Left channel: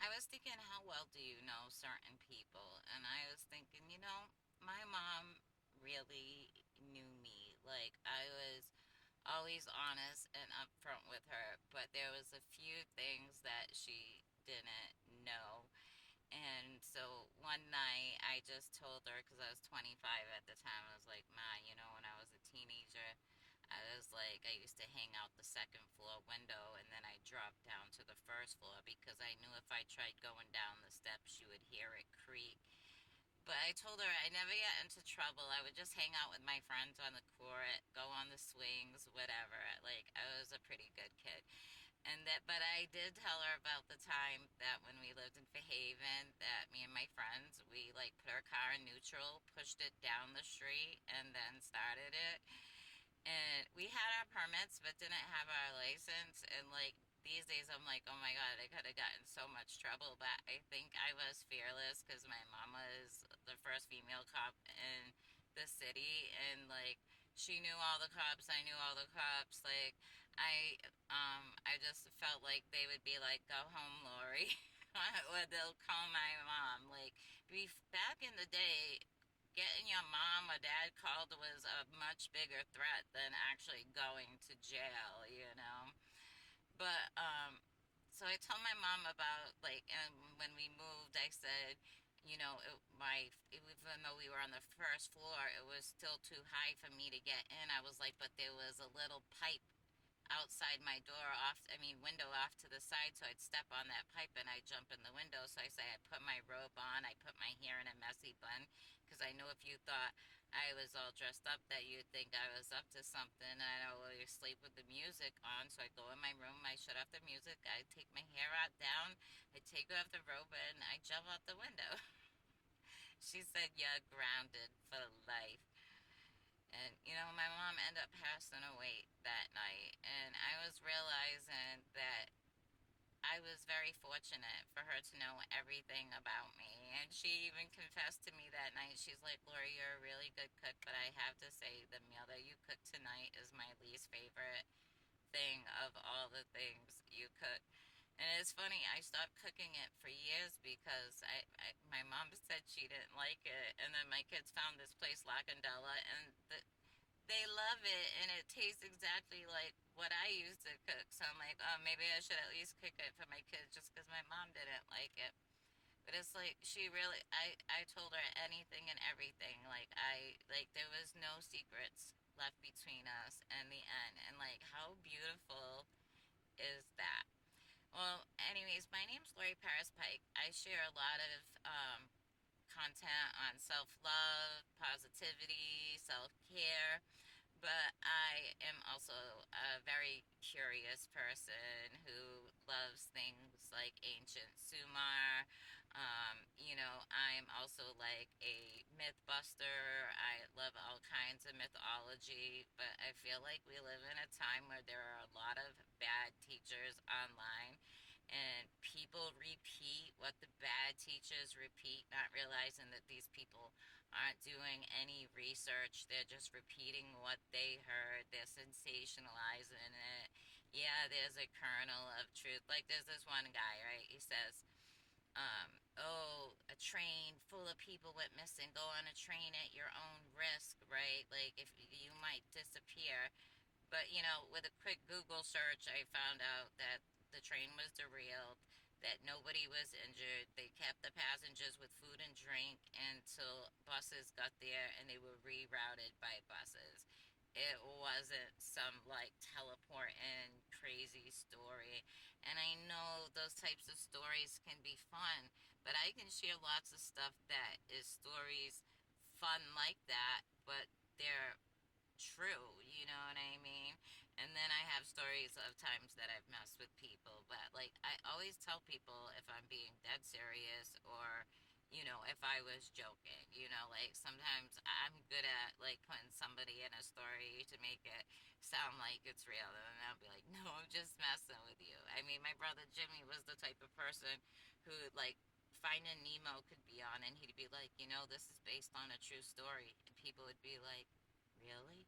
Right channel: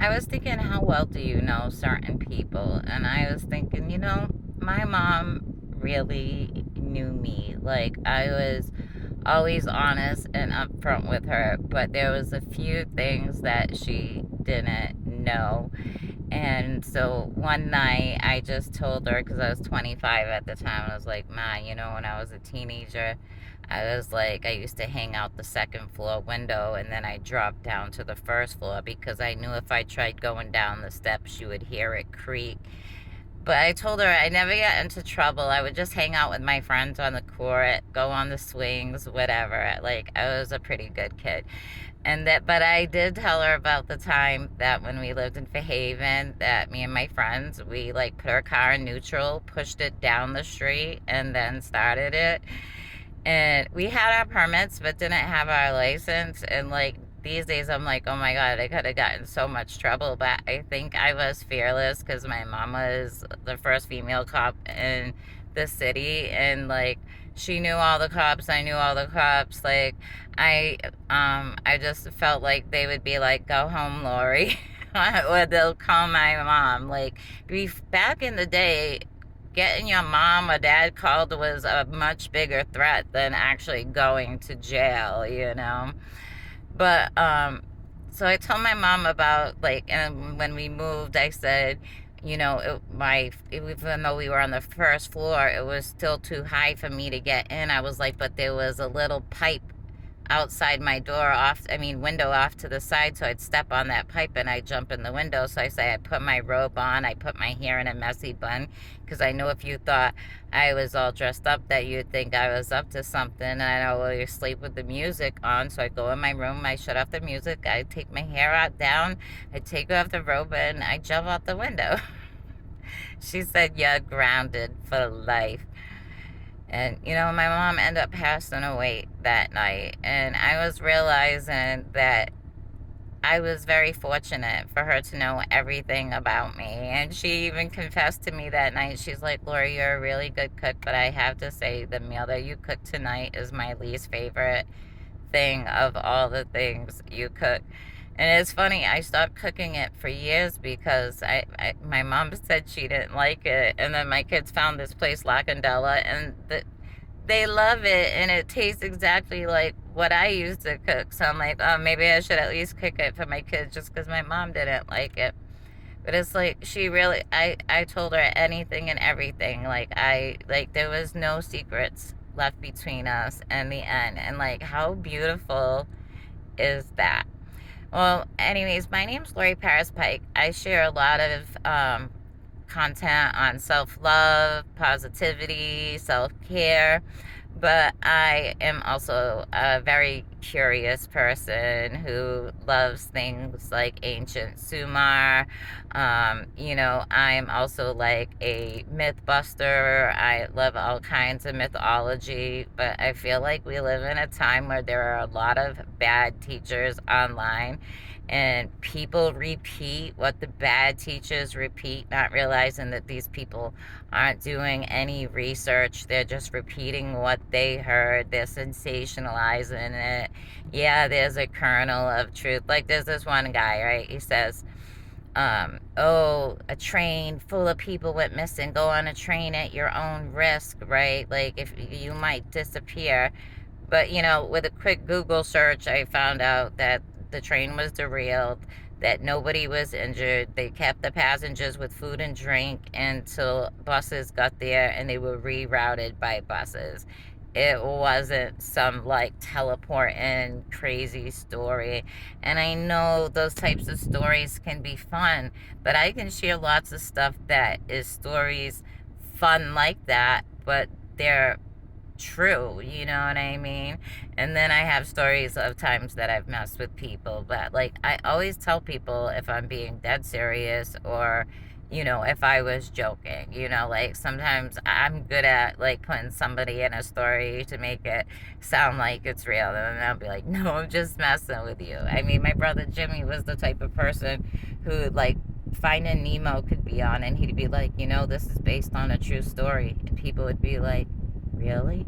I was thinking, how well do you know certain people? And I was thinking, my mom really knew me. Like, I was always honest and upfront with her, but there was a few things that she didn't know. And so one night I just told her, because I was 25 at the time, I was like, Ma, when I was a teenager, I was like, I used to hang out the second floor window and then I dropped down to the first floor because I knew if I tried going down the steps, she would hear it creak. But I told her I never get into trouble. I would just hang out with my friends on the court, go on the swings, whatever. Like, I was a pretty good kid. But I did tell her about the time that when we lived in Fairhaven, that me and my friends, we like put our car in neutral, pushed it down the street, and then started it. And we had our permits, but didn't have our license. And like these days, I'm like, oh my God, I could have gotten so much trouble. But I think I was fearless because my mom was the first female cop in the city. And like, she knew all the cops. I knew all the cops. Like, I just felt like they would be like, go home, Lori. Or they'll call my mom. Like, back in the day, getting your mom or dad called was a much bigger threat than actually going to jail. But so I told my mom about like, and when we moved, I said, even though we were on the first floor, it was still too high for me to get in. I was like, but there was a little pipe outside my door off, I mean, window off to the side. So I'd step on that pipe and I'd jump in the window. So I say, I put my robe on, I put my hair in a messy bun because I know if you thought I was all dressed up that you'd think I was up to something. And I know, well, you sleep with the music on. So I go in my room, I shut off the music, I take my hair out down, I take off the robe and I jump out the window. She said, you're grounded for life. And, my mom ended up passing away that night. And I was realizing that I was very fortunate for her to know everything about me. And she even confessed to me that night. She's like, Lori, you're a really good cook, but I have to say, the meal that you cooked tonight is my least favorite thing of all the things you cook. And it's funny, I stopped cooking it for years because my mom said she didn't like it. And then my kids found this place, La Candela, and they love it. And it tastes exactly like what I used to cook. So I'm like, oh, maybe I should at least cook it for my kids just because my mom didn't like it. But it's like she really, I told her anything and everything. Like, there was no secrets left between us in the end. And like, how beautiful is that? Well, anyways, my name's Lori Paris Pike. I share a lot of content on self love, positivity, self care, but I am also a very curious person who loves things like ancient Sumar. I'm also like a myth buster. I love all kinds of mythology, but I feel like we live in a time where there are a lot of bad teachers online and people repeat what the bad teachers repeat, not realizing that these people aren't doing any research. They're just repeating what they heard. They're sensationalizing it. Yeah, there's a kernel of truth. Like, there's this one guy, right? He says, oh, a train full of people went missing. Go on a train at your own risk, right? Like, if you might disappear. But, with a quick Google search, I found out that the train was derailed, that nobody was injured. They kept the passengers with food and drink until buses got there and they were rerouted by buses. It wasn't some like teleporting crazy story. And I know those types of stories can be fun, but I can share lots of stuff that is stories fun like that, but they're true, you know what I mean? And then I have stories of times that I've messed with people, but like I always tell people if I'm being dead serious or if I was joking, like sometimes I'm good at like putting somebody in a story to make it sound like it's real, and then I'll be like, no, I'm just messing with you. I mean, my brother Jimmy was the type of person who like Finding Nemo could be on and he'd be like, this is based on a true story, and people would be like, really?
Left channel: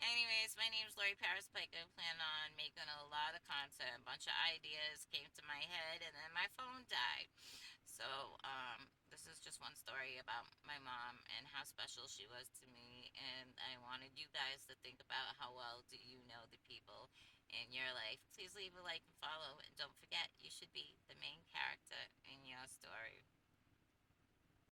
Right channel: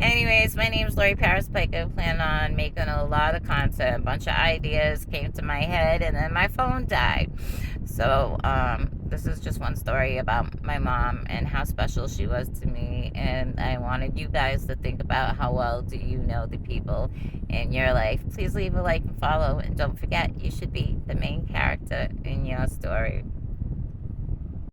Anyways, my name's Lori Paris Pike. I plan on making a lot of content. A bunch of ideas came to my head, and then my phone died. So, this is just one story about my mom and how special she was to me. And I wanted you guys to think about how well do you know the people in your life. Please leave a like and follow. And don't forget, you should be the main character in your story.